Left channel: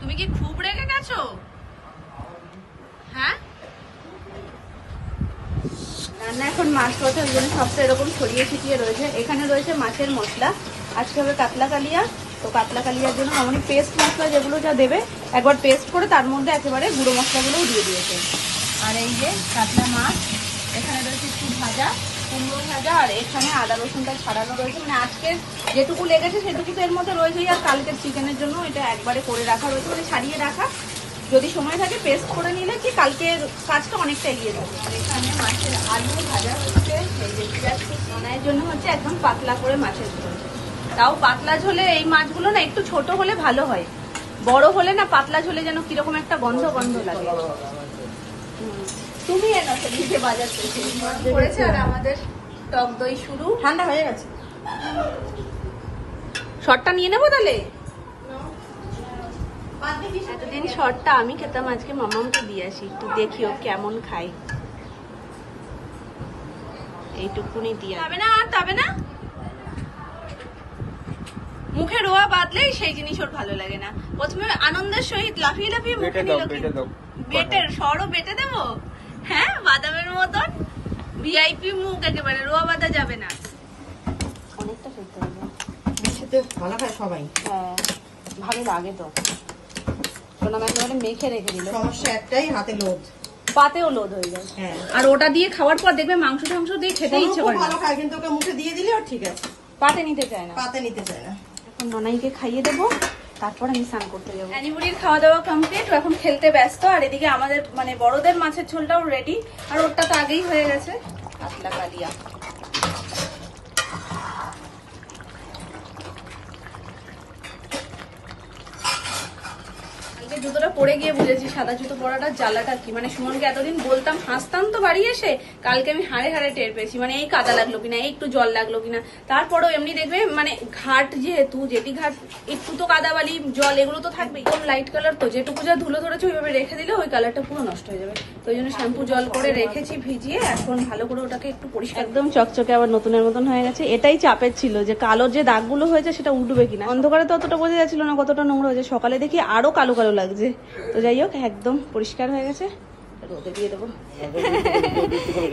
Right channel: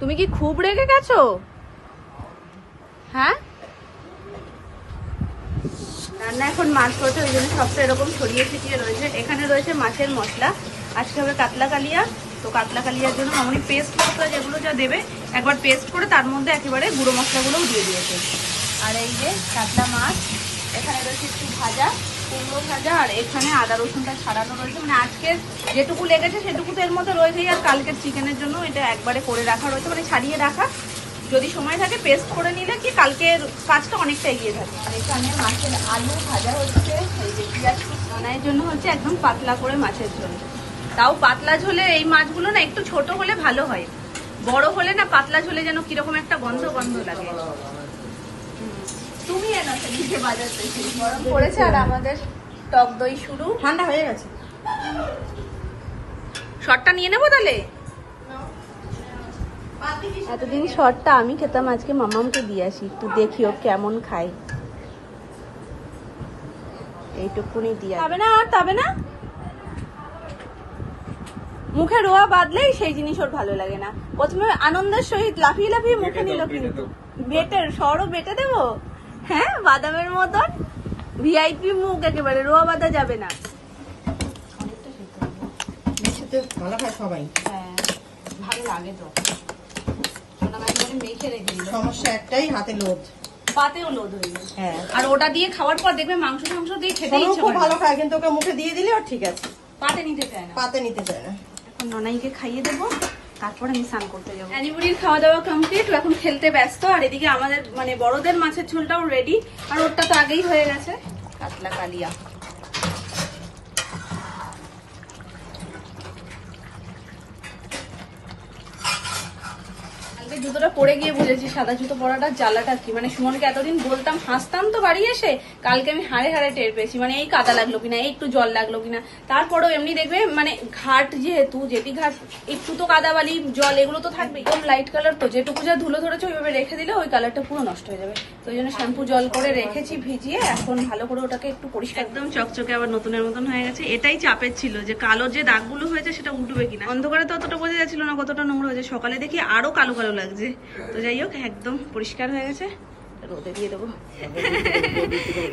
তুমি কি খুব রেগে গেছো? হ্যাঁ, রান্না এখন মাছ রয়েছে, ওই জন্য সবটা এরকম ছড়িয়ে ছিটিয়ে রয়েছে। এখানে রয়েছে মাছের মশলা, আজকে হবে কাতলা কালিয়া। তো কাতলা কালিয়ার জন্য মামনি পেস্ট মশলা যেগুলো যা দেবে একবার পেস্ট করে তার মধ্যে একেবারে গুঁড়ো মশলাগুলোও দিয়ে দিয়েছে। আর এই যে কাতলা মাছ, এখানে রয়েছে একটু ভাজা, কুমড়ো ভাজা, আর এখানে আদা রসুনটা ছাড়ানো রয়েছে। মানে আজকের যেটুকু লেগেছে সেটুকু তো এর মধ্যে রয়েছেই, আর কালকের চিকেনের জন্য এটা একবারে করে রাখা রয়েছে, মানে ছাড়িয়ে রাখা। যদি সময় থাকে পেস্ট করে নিলে কি কালকের কাজটা অনেকটা এগিয়ে থাকে। আর এখানে মাছের আলু ভাজা হচ্ছে, এই যে পেঁয়াজ রান্নার জন্য হচ্ছে একদম পাতলা করে মাছের ঝোল। তাও পাতলা ঝোলে এই মাছগুলো না একটু ছোট হলে ভালো হয়, বড় হলে না পাতলা ঝোলে যেন কিরকম একটা গন্ধ গন্ধ লাগে। তুমি নিজে বাজার করেছে। আর আমাদের টক দই শুরু, ঠান্ডা হয়ে গেছে। শর্টটা নিয়ে নেবো তাহলে। এতদিন শর্টটা আমি খেতাম, আজকে মামামকে দিয়ে আসি, একটু দেখি ও কেমন খাই। এইটুকুনি দিয়ে তবে না, আর তবে না, মুখে রোয়া বাদলেই সেই জিনিস ওর ভালো লাগে না। প্রথমে আনন্দের সহিত লাফিয়ে লাফিয়ে মুখে নিল, কিন্তু বেটের সরও বেটে দেবো। হ্যাঁ, বাদামের মতন ভিআইপি মুখ, একেবারে রোয়া বাঁধা যাবে না। অনেকটা ভালো খায় সবাই। হ্যাঁ, ভালো লাগে তো। মেখে রেখে দিল, সমস্যা একটাই, হাতে লোড, পাতেও লোড হয়ে যায়। হ্যাঁ, আর ওটা দিয়ে খাওয়ার পর দেখবে মাংস টাংস দিয়ে খেতে ইচ্ছে করে, ভালো খায়। কিন্তু ওকে মুখে দিয়ে দিলে আর ঠিক আছে, পাতে নিতে চায় না, পাতে নিতে চায় না। এখন ননাইকে খাইয়ে দেবো, তারপর আমি স্নান করতে যাবো। অ্যানিবুড়ির খাওয়া দাওয়া কমপ্লিট, এখন খেলতে ব্যস্ত। আর এদিকে আমাদের মানে বড়দের মাছের ঝোলটাও রেডি, আর ওরটা তো আগেই হয়ে গেছে, কাতলা কালিয়া। জুতোটা পরে গিয়ে বুঝেছি সাদা জুতো পরাটা জ্বালাটা কি। মানে সুমনকে এতদিন বলতাম, হাসতাম তো বাড়ি এসে, কালকে আমি হাড়ে হাড়ে টের পেয়েছি। মানে এই কাদা লাগলো কিনা, এই একটু জল লাগলো কিনা। তারপরেও এমনি দেখবে মানে ঘাট যেহেতু, জেটি ঘাট, একটু তো কাদা বালি জল এগুলো তো থাকবে। একদম লাইট কালার তো, যেটুকু যা ধুলো ধরেছে ওইভাবে রেখে দিলে ওই কালারটা পুরো নষ্ট হয়ে যাবে। তো ওই জন্য শ্যাম্পু জল করে রেখেছি ভিজিয়ে, এখন ভালো করে ওটাকে একটু পরিষ্কার, একদম চকচকে আবার নতুনের মতন হয়ে গেছে। এটাই চাপের ছিল যে কালো যে দাগগুলো হয়েছে সেটা উঠবে কিনা। অন্ধকারে তো অতটা বোঝা যাচ্ছিল না কতটা নোংরা হয়েছে, সকালে দেখি আরো কালো কালো লাগছে। তো যাই হোক, একদম পরিষ্কার হয়ে গেছে, রোদে দিয়ে দেবো।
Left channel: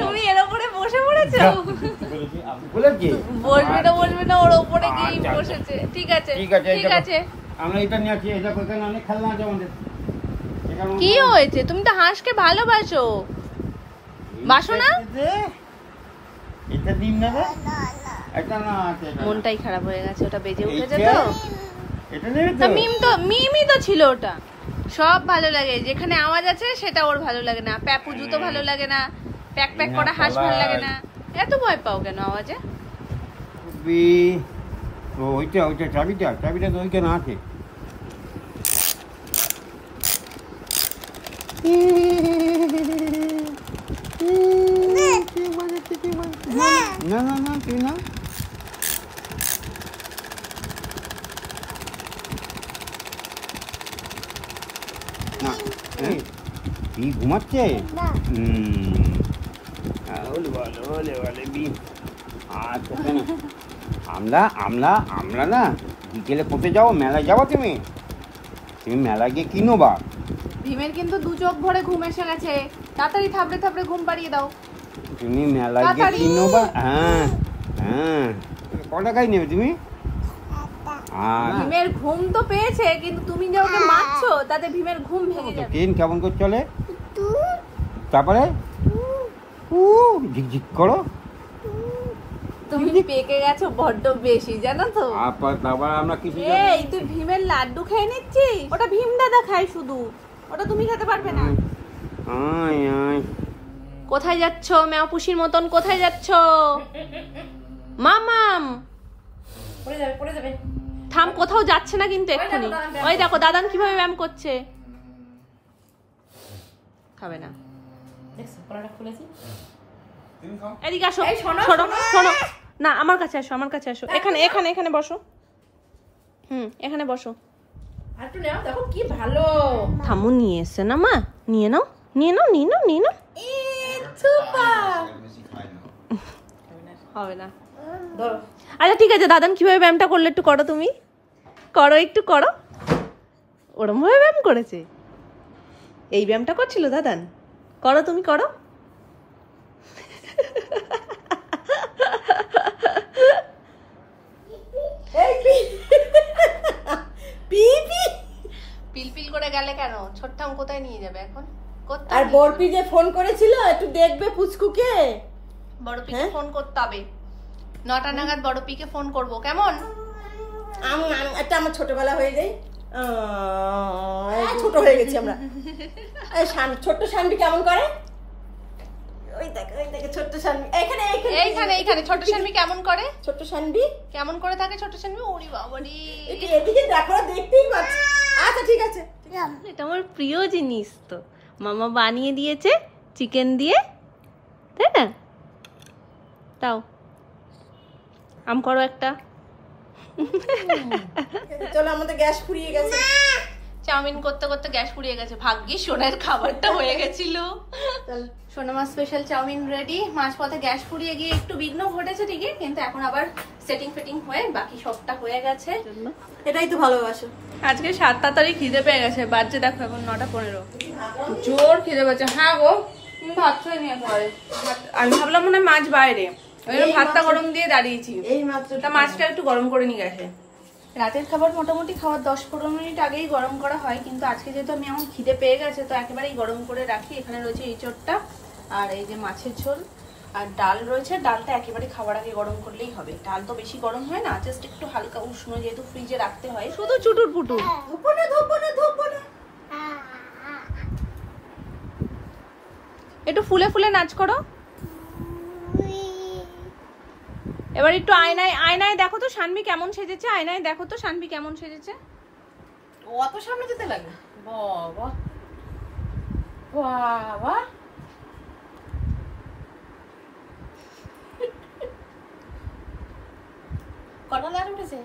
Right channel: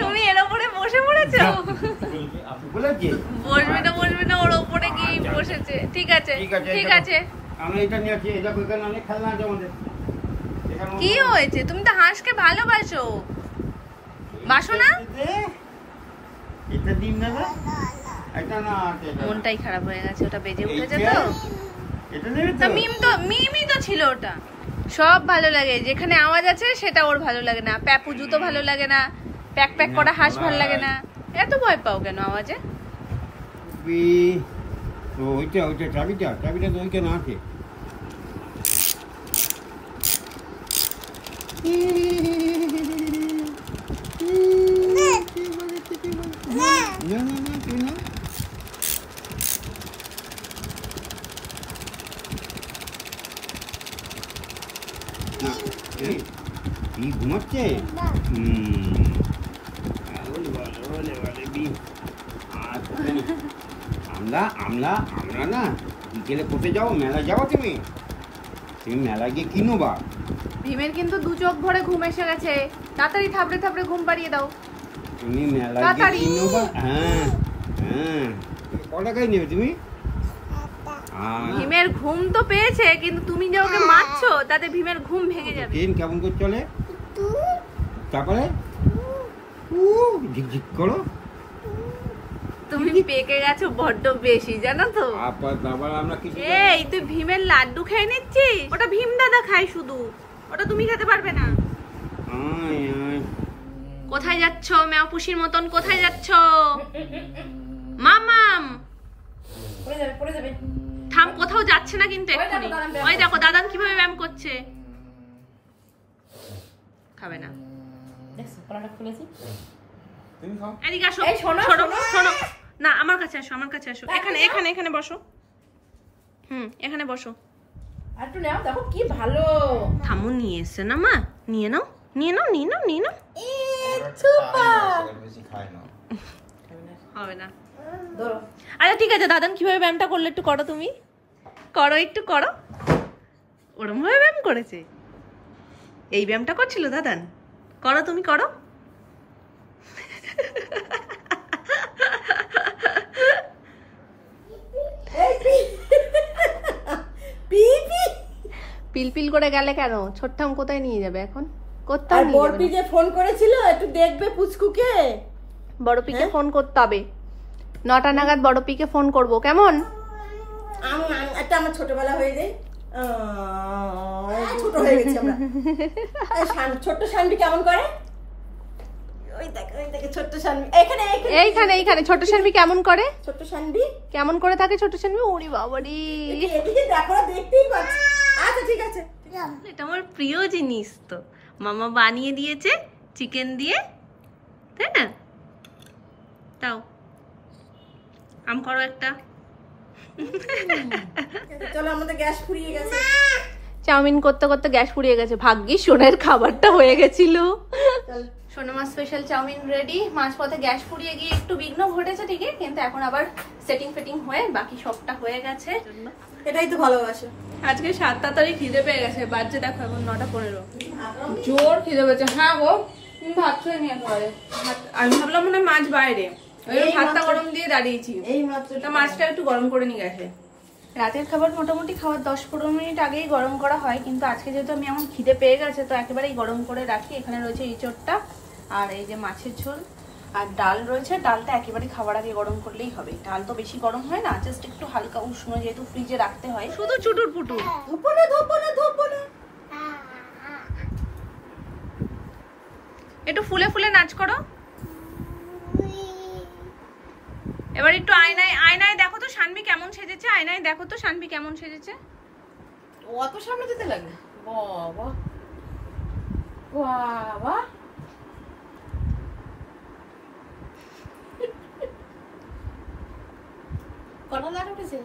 তুমি এর ওপরে বসে পড়েছো, বসবি না বসবি না, ওর ওপরে গিয়ে বসেছে। ঠিক আছে ঠিক আছে, কি হয়েছে? তুমি তো হাঁসকে ভালোবাসো, বাসো না? মনটাই খারাপ হয়ে গেছে, ওটা বেজে উঠেছে তো। মিমি তো ছিল ওটা। সব ভালো লাগে, যেখানে আওয়াজ আছে সেটা ওর ভালো লাগে না। প্যাপু জুতো ভালো লাগে না, প্যাক প্যাক করা হাঁস ভালো লাগে না। এত ভয় পাও কেন আওয়াজে? চাবিটা তো ওইখানে আছে। না না না, তুই না। ঘুমাচ্ছে আমরা আমরা আমরা না বিকেলে কোথায় যাবো? মেলায় যাবো। তুমি মেলা গিয়ে কিনো বা। ভীমের কিন্তু দু চোখ ভরে ঘুম এসে গেছে, তাড়াতাড়ি থাপড়ে থাপড়ে ঘুম পাড়িয়ে দাও। তুমি মেলা গিয়ে কিনো বা। হ্যাঁ হ্যাঁ, কটা খাই নেবে তুমি? ভীমের ঘুম তো পেয়েছে, কিন্তু তুমি যে ওকে মারছো তাতে ভীমের ঘুম ভেঙে যাবে। ট্রেন কেমন করে চলে? তারপরে ঝিকঝিক করো। তুমি পেকে গেছো বড্ড বেশি, জানো তো। এই তুই ভীমের লাড্ডু খেয়ে নিচ্ছিস, ওটা ভীম দাদা খায় শুধু, ওটা তুমি খেতে পারবে না। কোথায় যাচ্ছ মেও পুষির মতন? কোথায় যাচ্ছ মামাম? পড়ে যাবে পড়ে যাবে। থাম, কোথাও যাচ্ছে না কিন্তু এক্ষুনি। ওই দেখো দাদান কিভাবে ব্যায়াম করছে। খাবে না, দেখছো কলাটা খুলেছি। এদিকে আসো, শোনো শোনো না, আমার কাছে আসো, আমার কাছে আসো। এখানে এখানে এখানে বসো। এখানে বসো। আর একটু নাও, দেখো কি ভালো। থামু নিয়ে এসছে না মা, নিয়ে নাও নিয়ে নাও নিয়ে নাও নিয়ে নাও। হবে না। আচ্ছা ঠিক আছে, দাদান কিভাবে ব্যায়ামটা করলে একটু করো, তুমি করো, একটু করো। ওরম ভাবে ব্যায়াম করেছে। এই ব্যায়ামটা করছিল দাদান। করো, তুমি করো। পিলপিল করে গেলে কেন? ছোট্টাম কোথায় নিয়ে যাবে এখন? আর বড়পি যে ফোন করেছিল একটু দেখবে পুচকুকে। বড়পিকে ফোন করতে হবে, 9টা নাগাদ বড়পিকে ফোন করব, কেমন? একটা আমার ছোটবেলা হয়ে যায়, ছোট হয়ে গেছি আমরা। ছোট্ট শানবি কেমন করে? ওই দেখে ছোট্ট শানবি এখানে এইখানে এইখানে ছোট্ট শানবি কেমন করে? ছোট্ট শানবি কেমন করে থাকে ছোট্ট শানবি? ওরে বাবারে, এদিকে দেখো, দেখতেই পাচ্ছি। আচ্ছা ঠিক আছে, এটা আমার প্রিয় জিনিস তো, মামা বানিয়ে দিয়েছে চিকেন দিয়ে, তাই না? তাও আম করো একটা। চলো, আমাদের গ্যাস ফুরিয়ে গেছে। চাউমিন করতে করতে গ্যাস ফুরিয়ে গেছে, ভাগ্যিস সোনার খাবারটা হয়ে গেছিল। সোনামা স্পেশাল চাউমিন রেডি। মাঝপথে গ্যাস ফুরিয়ে গিয়ে একটু বিঘ্ন ঘটেছে ঠিকই, কিন্তু এখন আবার সেটিং ফিটিং হয়ে বাকি সবটা হয়ে গেছে। এটাই তো ভালোবাসো। আজকে 7 তাড়াতাড়ি খিদে পেয়ে গেছে, বাজছে দেখো এখন 9:15। জোর খিদে পেয়েছে। হ্যাঁ গো, তুমি ভাত খেয়ে নিয়ে পরে। আমি ভাবলাম মনে হয় মাছ বাইরে, ভাতটা গরম দিয়ে দাঁড়িয়েছি। এই মাত্র তা মাছটা একটু গরম করে নিয়ে গেছে। রাতের খাবার মোটামুটি খাওয়ার 10-15 মিনিট আগেই গরম করা হয়, কিন্তু আজকে যেহেতু আমি এখন খিদে পেয়ে গেছে তো একেবারেই গরম করে রাখি। এখানে রয়েছে এঁচোড়টা আর এই যে মাছের ঝোল আর ডাল রয়েছে। ডালটা একেবারে খাওয়ার আগে গরম করলেই হবে, ডাল তো বেশি গরম হয় না, জাস্ট একটু হালকা উষ্ণ, যেহেতু ফ্রিজে রাখতে হয়। শুধু চুটুর পুটুর। একটু ফুলে ফুলে নাচ করো। এবার একটু আয়নায় দেখো তো শানবি কেমন সেজেছে। আয়নায় দেখো তো শানবি কেমন সেজেছে। অত সামনে যেতে লাগে? বাবা বাবা, কটা লাইট উঠেছে?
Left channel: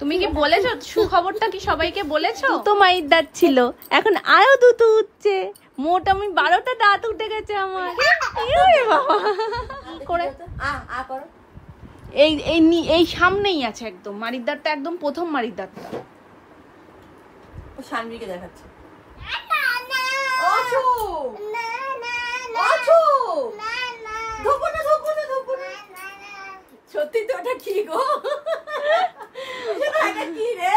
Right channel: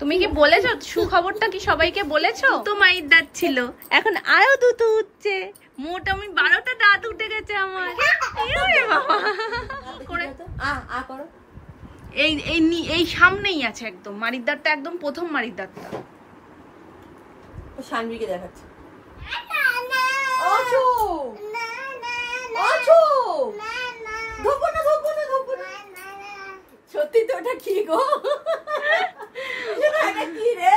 তুমি কি বলেছো সুখবরটা? কি সবাইকে বলেছো? তো মায়ের দাঁত ছিল, এখন আরো দুটো উঠছে, মোট আমি 12টা দাঁত উঠে গেছে আমার। করে এই সামনেই আছে একদম মারির দাঁতটা, একদম প্রথম মারির দাঁতটা। শানবিকে দেখাচ্ছে। সত্যি তো? ওটা কি গো? এটা কি রে?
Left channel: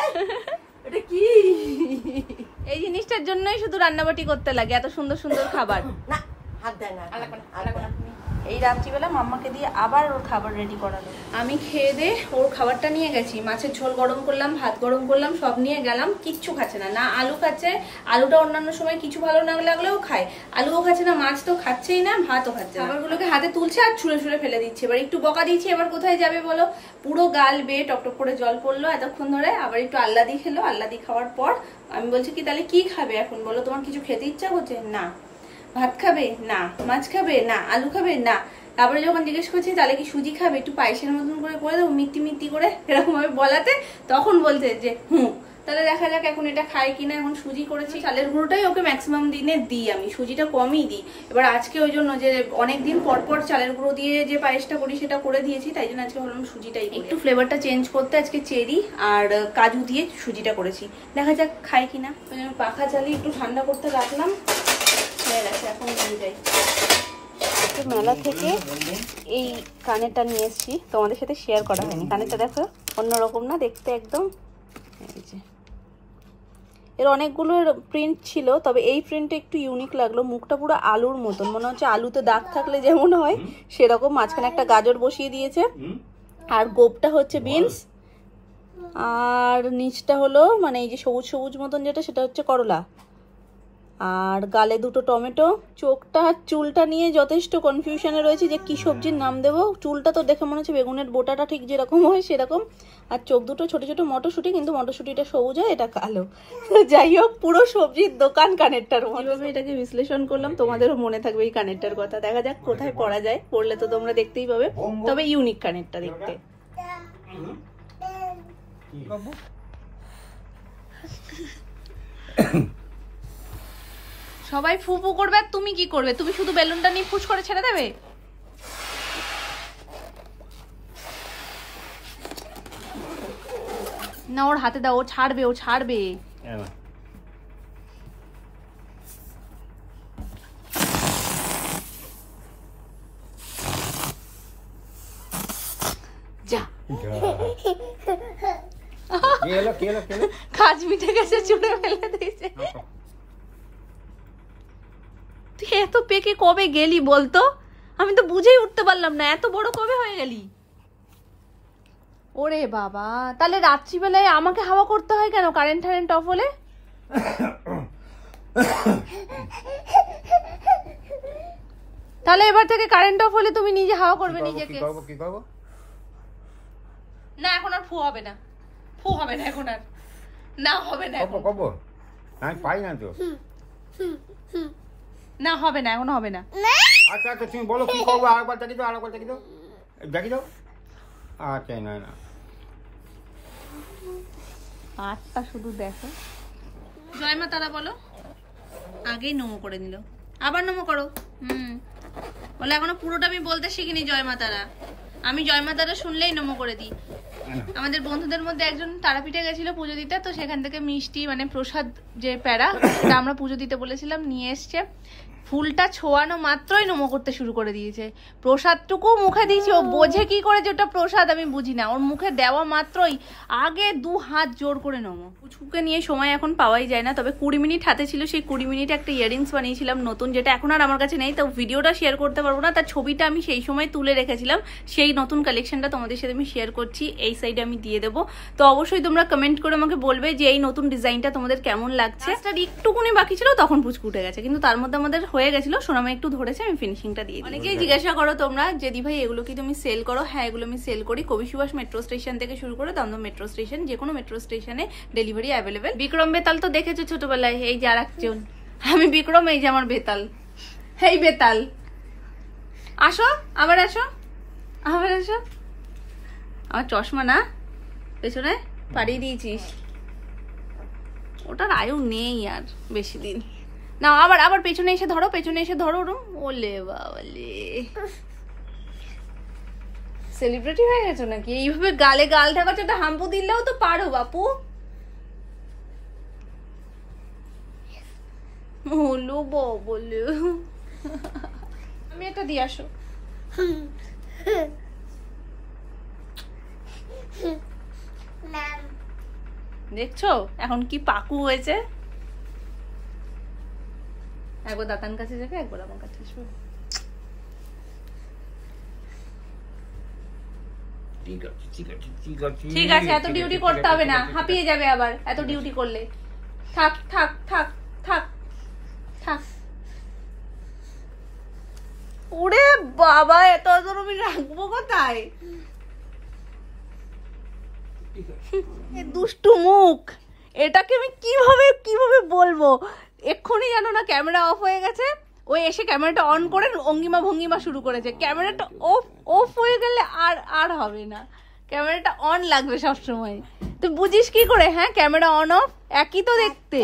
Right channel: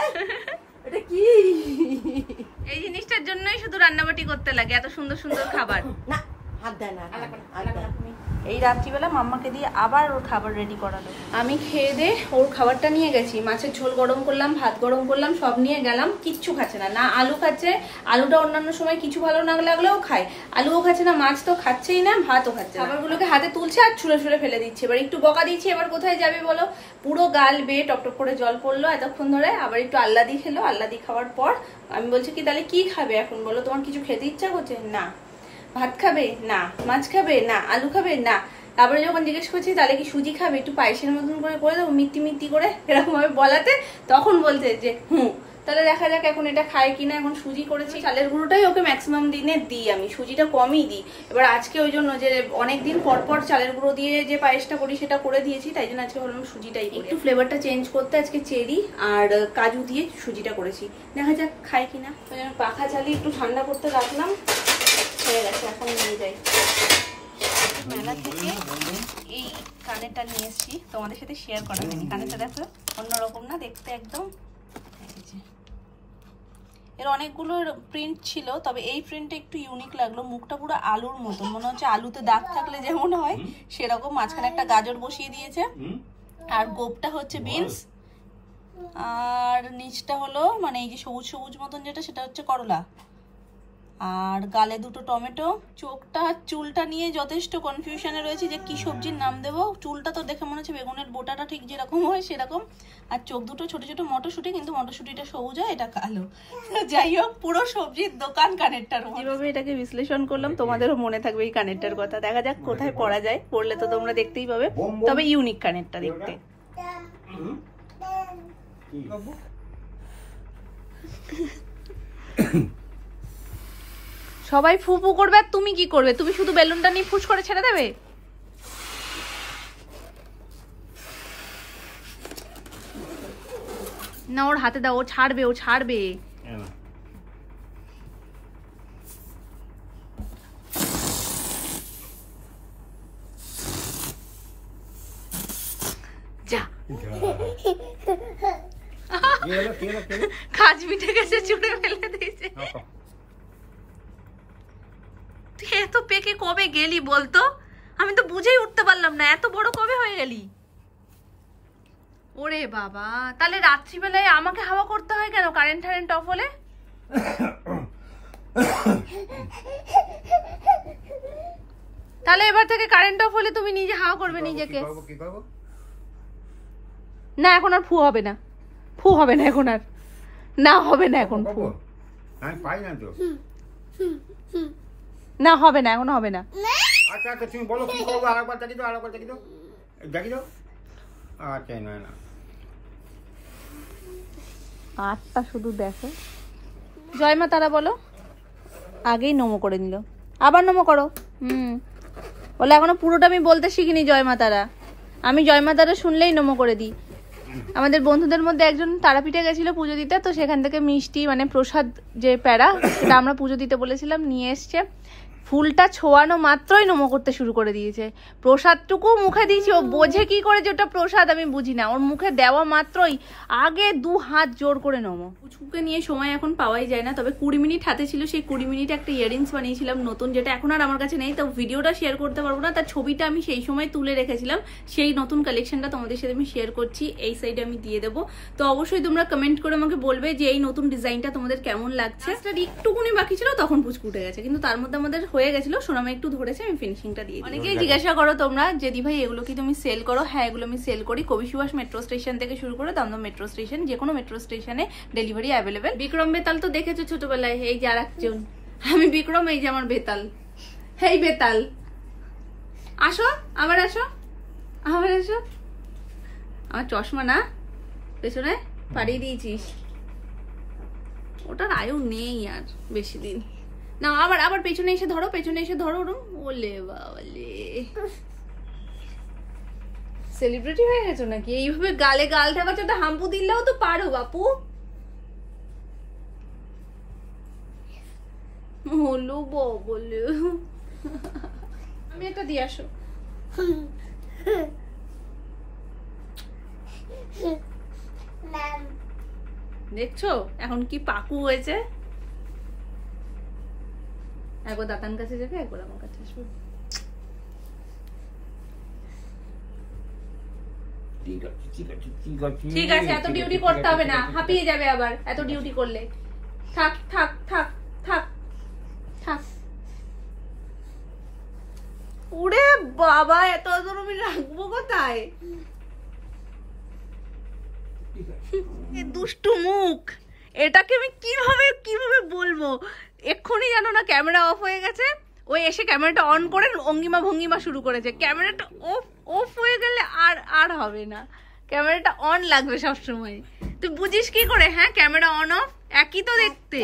এটা কি? এই জিনিসটার জন্যই শুধু রান্নাবাটি করতে লাগে, এত সুন্দর সুন্দর খাবার। না, হাত দেয় না। এই রাত্রিবেলা মাম্মাকে দিয়ে আবার ওর খাবার রেডি করালো। আমি খেয়ে দে ওর খাবারটা নিয়ে গেছি, মাছের ঝোল গরম করলাম, ভাত গরম করলাম, সব নিয়ে গেলাম। কিচ্ছু খাচ্ছে না, না আলু খাচ্ছে, আলুটা অন্যান্য সময় কিছু ভালো না লাগলেও খায়, আলুও খাচ্ছে না, মাছ তো খাচ্ছেই না, ভাতও খাচ্ছে না। খাবারগুলোকে হাতে তুলছে আর ছুঁড়ে ছুঁড়ে ফেলে দিচ্ছে। এবার একটু বকা দিচ্ছে, এবার কোথায় যাবে বলো? পুরো গাল বেয়ে টপটপ করে জল পড়লো এতক্ষণ ধরে। আবার একটু আল্লাদি খেলো, আল্লাদি খাওয়ার পর আমি বলছি কি তাহলে কি খাবে এখন বলো? তোমার কিছু খেতে ইচ্ছা করছে? না। ভাত খাবে? না। মাছ খাবে? না। আলু খাবে? না। তারপরে যখন জিজ্ঞেস করছি তাহলে কি সুজি খাবে, একটু পায়েসের মতন করে দেবো মিত্তি মিত্তি করে, এরকম ভাবে বলাতে তখন বলতে যে তাহলে দেখা যাক এখন এটা খায় কিনা। এখন সুজি করেছি, চালের গুঁড়োটাই ওকে ম্যাক্সিমাম দিনে দিই, আমি সুজিটা কমই দিই। এবার আজকে ওই জন্য যে অনেকদিন পর পর চালের গুঁড়ো দিয়ে যে পায়েসটা করি সেটা করে দিয়েছি, তাই জন্য আজকে ভাবলাম সুজিটাই একটু ফ্লেভারটা চেঞ্জ করতে আজকে চেরি আর কাজু দিয়ে সুজিটা করেছি। দেখা যাক খায় কিনা। পাখা চালিয়ে একটু ঠান্ডা করতে রাখলাম, হয়ে গেছে, এখন নিয়ে যাই। মেলা থেকে এই কানেরটা নিয়ে এসেছি, তোমাদের সাথে শেয়ার করা হয়নি। কানেরটা দেখো অন্যরকম না দেখতে একদম। এর অনেকগুলো প্রিন্ট ছিল, তবে এই প্রিন্টটা একটু ইউনিক লাগলো। মুখটা পুরো আলুর মতন, মনে হচ্ছে আলুতে দাগ থাকলে যেমন হয় সেরকম। মাঝখানে একটা গাজর বসিয়ে দিয়েছে, আর গোপটা হচ্ছে বিনস, আর নিচটা হলো মানে এই যে সবুজ সবুজ মতন যেটা, সেটা হচ্ছে করলা, আর গালে দুটো টমেটো। চোখটা চুলটা নিয়ে যথেষ্ট কনফিউশনে রয়েছে যে কি সবজির নাম দেবো। চুলটা তো দেখে মনে হচ্ছে বেগুনের বোটাটা ঠিক যেরকম হয় সেরকম, আর চোখ দুটো ছোট ছোট মটরশুঁটি, কিন্তু মটরশুঁটিটা সবুজ হয়, এটা কালো। যাই হোক, পুরো সবজির দোকান কানেরটার। যেভাবে এটাকে বিশ্লেষণ করলাম তোমাদেরও মনে থাকবে এই কানেরটার কথা। দেখা যাক কোথায় পরা যায়, পরলে তো তোমরা দেখতেই পাবে। তবে ইউনিক কানেরটা দেখতে। সবাই ফুপু করবে আর তুমি কি করবে? তুমি শুধু বেলুনটা নিয়ে ফুস করে ছেড়ে দেবে? না, ওর হাতে দাও, ও ছাড়বে, ও ছাড়বে। যা কাজ মিটে গেছে, চুড়ে ফেলে দিয়েছে। তুই এত পেকে কবে গেলি বলতো? আমি তো বুঝেই উঠতে পারলাম না, এত বড় কবে হয়ে গেলি? ওরে বাবা, তাহলে রাত্রিবেলায় আমাকে হাওয়া করতে হয় কেন কারেন্ট টারেন্ট অফ হলে? তাহলে এবার থেকে কারেন্ট অফ হলে তুমি নিজে হাওয়া করবে নিজেকে। না এখন আর ফু হবে না, ফু হবে না এখন আর, না হবে না এখন, না হবে না এখন, হবে না। আচ্ছা আচ্ছা তুমি বলো কি করবো, আরেকবার দেখি দাও, আরেকবার দেখি দাও, দেখি দাও। আচ্ছা না না আটটা শুধু দেখো। জয় মা তারা বলো, আগেই নমো করে নিল, আবার নমো করো। বলে এখনো পুরোটা আমি বলতে শিখিনি জয় মা তারা, আমি জয় মা তারা শুনলেই নমো করে দিই। আমাদের বন্ধুদের মধ্যে একজন তারাপীঠে গেছিল পুজো দিতে, তো সেখান থেকে মিষ্টি মানে প্রসাদ যে প্যারা, সেটা আমরা পুজো দিতে বলেছিলাম, নিয়ে এসছে। ফুলটা ছোঁয়ানো মাত্রই নমো করতে শুরু করে দিয়েছে। প্রসাদটুকু মুখে দিয়েছি, ও বোঝে কি করে যে ওটা প্রসাদ আমি বুঝি না, ওর মুখে দেওয়া মাত্রই আগে 2 হাত জোর করে নমো। পুচকুকে নিয়ে সময় এখন পাওয়াই যায় না, তবে 20 মিনিট হাতে ছিল, সেই 20 মিনিটে একটা ইয়ারিংস বানিয়েছিলাম নতুন, যেটা এখন আর আমার কাছে নেই, তো ভিডিওটা শেয়ার করতে পারবো না, তার ছবিটা আমি সেই সময় তুলে রেখেছিলাম। সেই নতুন কালেকশনটা তোমাদের সাথে আমি শেয়ার করছি, এই সাইডে আমি দিয়ে দেবো। তো অবশ্যই তোমরা কমেন্ট করে আমাকে বলবে যে এই নতুন ডিজাইনটা তোমাদের কেমন লাগছে। একটুকুনি বাকি ছিল তখন পুচকু উঠে গেছে, কিন্তু তার মধ্যে আমাদের হয়ে গেছিল, সোনামা একটু ধরেছে, আমি ফিনিশিংটা দিয়ে। অনেকেই জিজ্ঞাসা করো তোমরা যে দি ভাই এগুলো কি তুমি সেল করো? হ্যাঁ, এগুলো আমি সেল করি। কবি সুভাষ মেট্রো স্টেশন থেকে শুরু করে দমদম মেট্রো স্টেশন, যে কোনো মেট্রো স্টেশনে ডেলিভারি অ্যাভেলেবেল। বিক্রম বেতাল তো দেখেছো ছোটবেলায়, এই যে আর একজন, আমি বিক্রম, এই যে আমার বেতাল, এই বেতাল। আসো আবার, আসো আবার, আসো। আমার চশমা না পেছনে পাড়িয়ে দিয়েছিস, ওটার আয়ু নেই আর বেশি দিন। না আবার আবার পেছনে এসে ধরো, পেছনে এসে ধরো। ওলে বাবালে, সেলিব্রিটি হয়ে গেছো নাকি? এইভাবে গালে গাল ঢাকাচ্ছ, একটা হাম্পু দিলেও তো পারো বাপু। হলো বলে আমি একটা দিয়ে আসো। দেখছো এখন কি পাকু হয়েছে? একবার দাতান কাছে যাবে, একবার আমার কাছে আসবে। ঠিক আছে, এত ডিউটি করতে হবে না, হাঁপিয়ে যাবে আবার এত ডিউটি করলে। থাক থাক থাক থাক থাক। ওরে বাবা, এত আমি রাখবো কোথায়? দুষ্টু মুখ, এটাকে আমি কিভাবে বলবো? এক্ষুনি জানো না ক্যামেরা অফ হয়ে গেছে, ওই এসে ক্যামেরাটা অন করে অঙ্গিমা ভঙ্গিমা শুরু করেছে। ক্যামেরাটা অফ হয়ে গেলে আর হবে না, ক্যামেরাটা অন লাগবে সবসময়। তুই বুঝিস কি করে? হ্যাঁ, ক্যামেরা অন অফ একই তো দেখতে।